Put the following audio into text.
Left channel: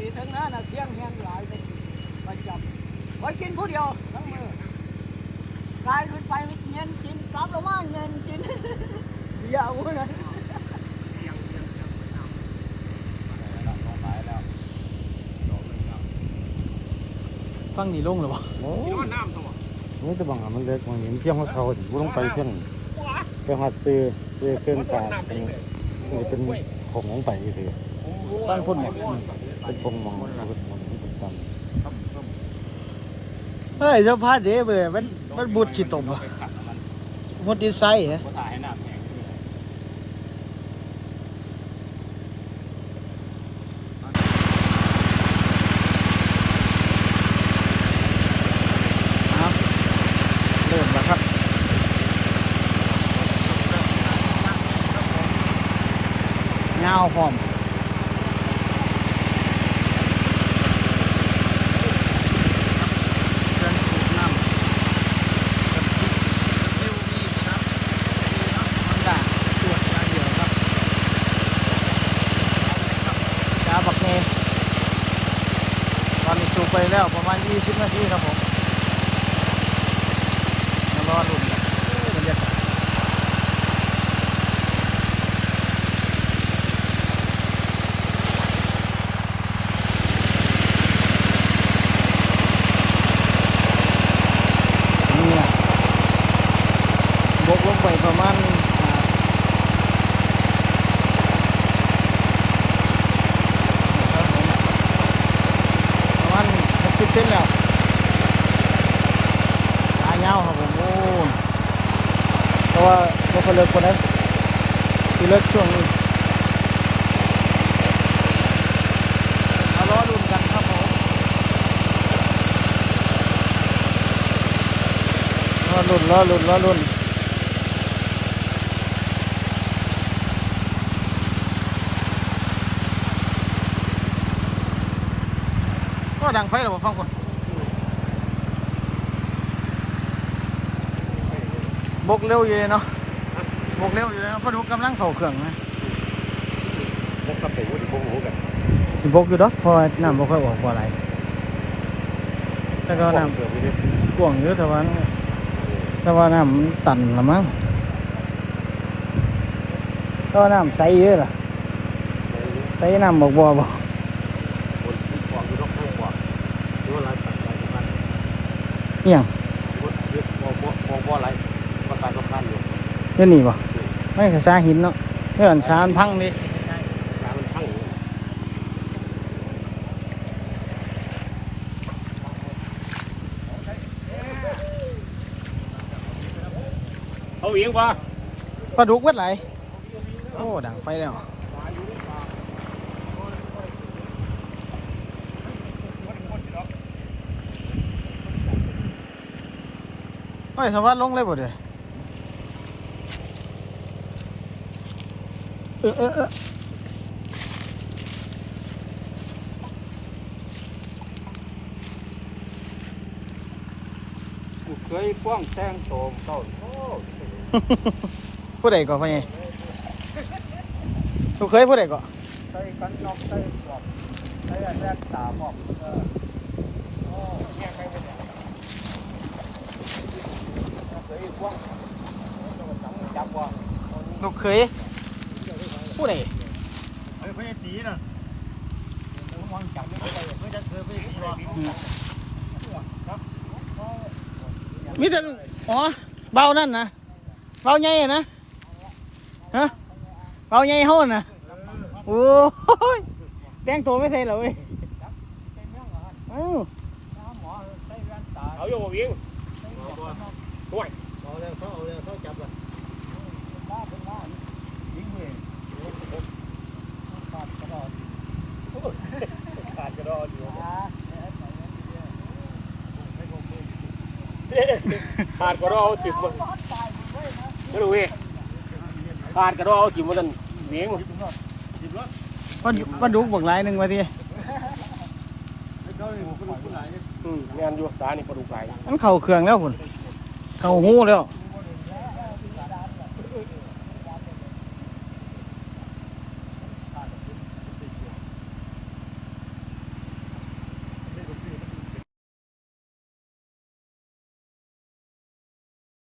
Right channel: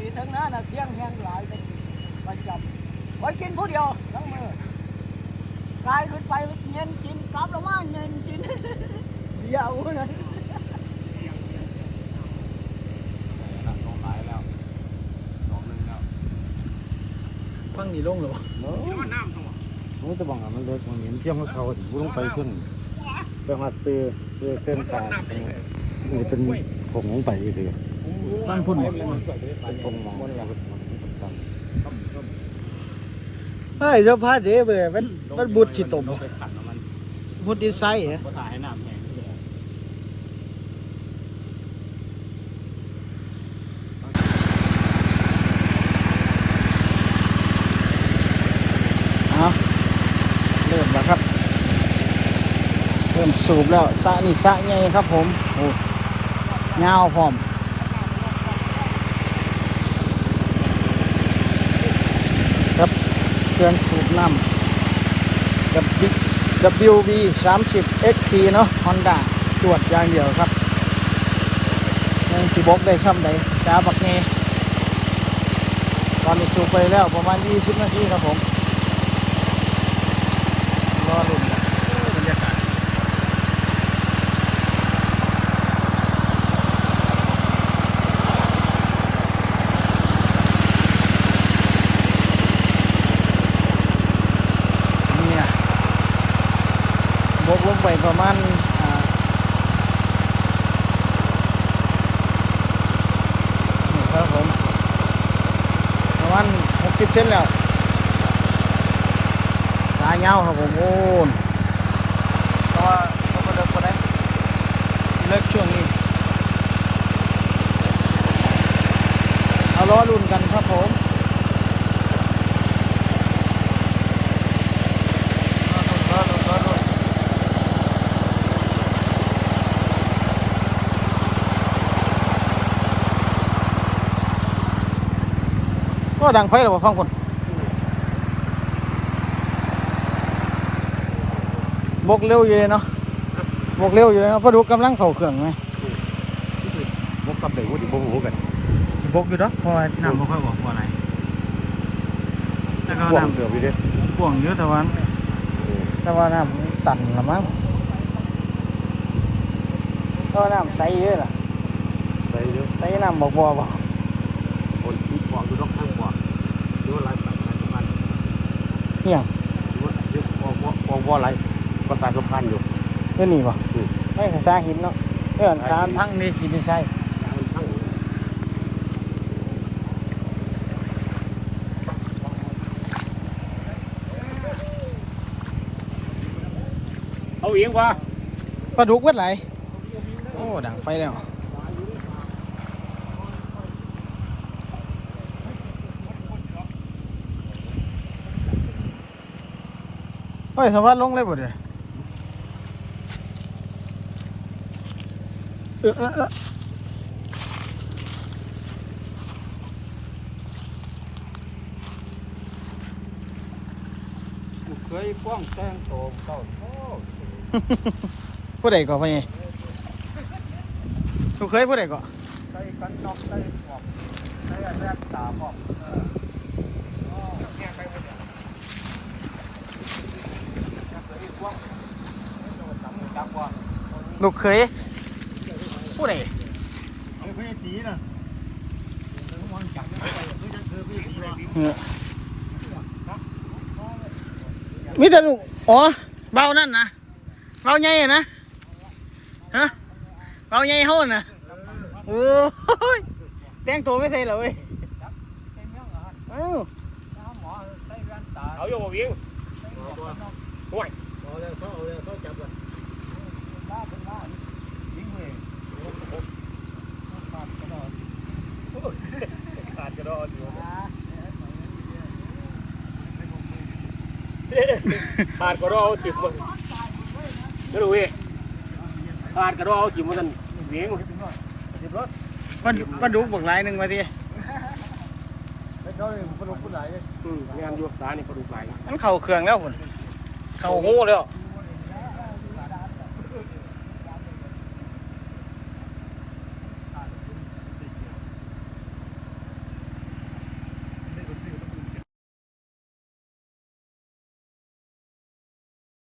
อีทั้งนั้นนะเที่ยงแห้งหลายไปประจำไว้กินผู้เดียวทั้งมือกลายขึ้นไปเย็นกินกลับลงมาเย็นกินเดี๋ยวนะฟังนี่ลงหรือวะนี่ตัวบังมันเล็กของเห็นเที่ยงของเขาถึงต้องไปเที่ยงไปหาซื้อซื้อเครื่องสาดนี่เป็นผมลงไปอยู่ดี ฟังพุ่นบ่เป็นผมมองเราเป็นผมจไอ้เจ้าพาเด้เว้ยมันมันบุดสิตมบ่หมดดีไซน์ฮะเอาเริ่มแล้วครับเริ่มสูบแล้วสะนี่สะใหญ่ครับผมโอ้ยาวพร้อม WB 3 0 XT เนาะ Honda ตรวจยางเดียวครับยังสิบอกได้ครับเลจ้าบักเงยตอนนี้สูบไปแล้วประมาณ 20 นาทีครับผม รอรุ่น ลงไปประมาณนี่ครับผมประมาณ60เซนแล้วตายเงาครับผมโอ้เพราะว่าไม่เคยเลิกคนไหนที่เลิกช่วงนี้เอาล้อรุ่นกันครับผมล้อรุ่นล้อรุ่นล้อรุ่น ก็ดังไฟหรอฟังคนบกเร็วอยู่เลยเนาะบกเร็วอยู่เลยเนาะเพราะดูกำลังเข่าเครื่องไหมบกกับเด็กวุ้ดิบงหูกันบกอยู่ดอกเพราะน้ำบ่ค่อยออกบ่อะไรแต่ก็น้ำกวงอยู่แต่ว่าแต่ว่าน้ำมันตันละมั้งก็น้ำใสเยอะหรอใสน้ำบ่บ่บ่คนที่ฟ องอยู่นอกข้างฟองหรือว่าลายต่างลายสะพานเอี่ยงหรือว่าเรียกฟองบ่ฟองบ่อะไรก็สายสะพานอยู่เดี๋ยวนี้บ่อืมไม่ก็ซาหินเนาะเนื่อนชานพังเลยสิไปใส่ยางมันทั้งเอาเอียงป่ะปลาดุกเวดไหลโอ้ดังไฟแล้ว เฮ้ยสวัสดลงเลยบ่เด้อเออเออเออเคยฟ้องแซงโตเข้าผู้ใดก่อนพ่อใหญ่ลูกเคยผู้ใดก่อน ลูกเคยผู้ใดเฮ้ยพี่ตีน่ะไม่จะเคยพี่ตีวะมีแต่ลูกอ๋อเบานั่นนะเบาใหญ่อะนะฮะเบาใหญ่เฮาน่ะโอ้ยแต่งตัวไม่ใช่เหรอเว้ยเอ้าเอาอยู่บ่วิ่งห่วย เอาเลยเขาเอาเลยเขาจับเลยขาดกระโดดติดมันไม่รู้เว้ยขาดกระโดดจิ้มมันเวียงติดรถมันมันดุกบักหลายหนึ่งมาทีอืมงานอยู่ตานี่กระดูกไหลมันเข่าเครื่องแล้วพุ่น เข่าหูแล้วม